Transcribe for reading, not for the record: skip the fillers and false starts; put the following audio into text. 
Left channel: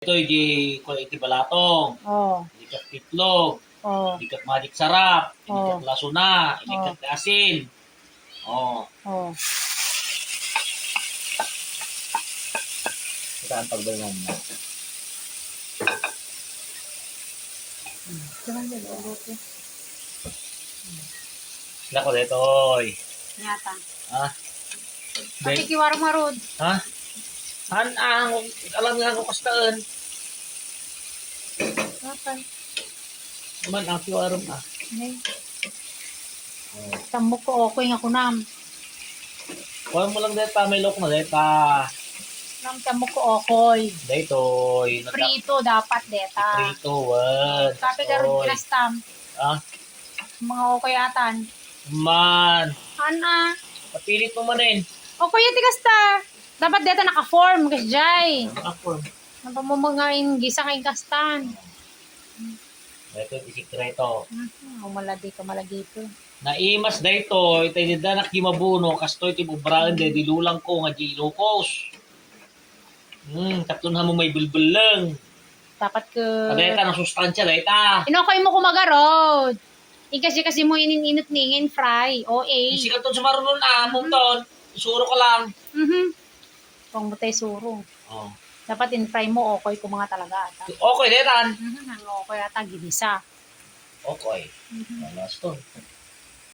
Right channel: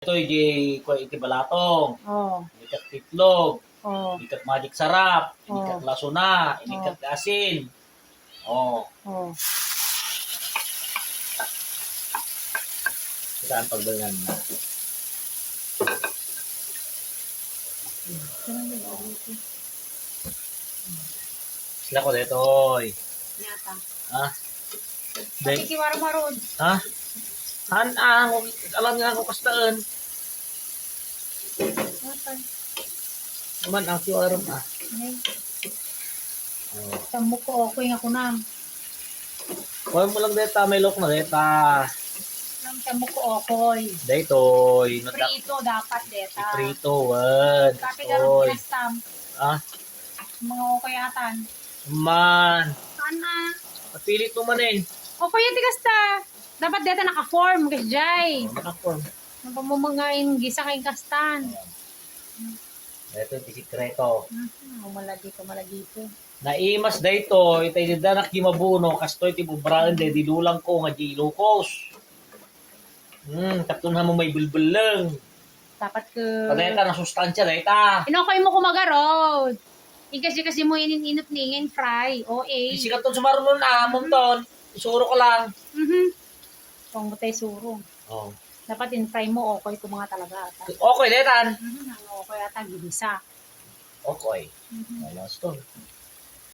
Ito yung ko iti balatong. Oh. Ikat titlog. Oh. Ikat madik sarap. Oh. Ikat lasuna. Ikat asin. Oh. Oh. Ito ang pagbalan na. Sila ko dito, oy. Nyata. Ha? Pati kiwarong marod. Ha? Alam nga ako kastaan. Nyata. Naman ang kiwaram Nay. Oh. Tambok ko okay nga kunam. Kuha mo lang dito, may look na dito. Nam tambok ko okay. Dito, Prito dapat deta. Prito, what? Kape garong pinastam. Ah? Mga okay atan. Man. Ana. Napilit mo manin. Okay yung tikasta. Dapat deta naka-form kasi jay. Ako. Napamumangain gisa kay kastan. Ito yung sikreto. Umaladi ka malagito. Naimas dito, itay danak gimabuno, kastoy ti bubraan de dilulang ko nga di ilukos. Katun mo may bulbul lang. Dapat ka... Kadeta ng sustansya deta. Inokay mo kumagarod. Kasi mo ininot ningin fry. O.A. Isi ka to sa marulun na, mumton. Isuro ka lang. Kung butay surong. Oh. Dapat in-fry mo okay kung mga talaga ata. Okay, detan. Ang okay ata, gilisa. Okay. Last to.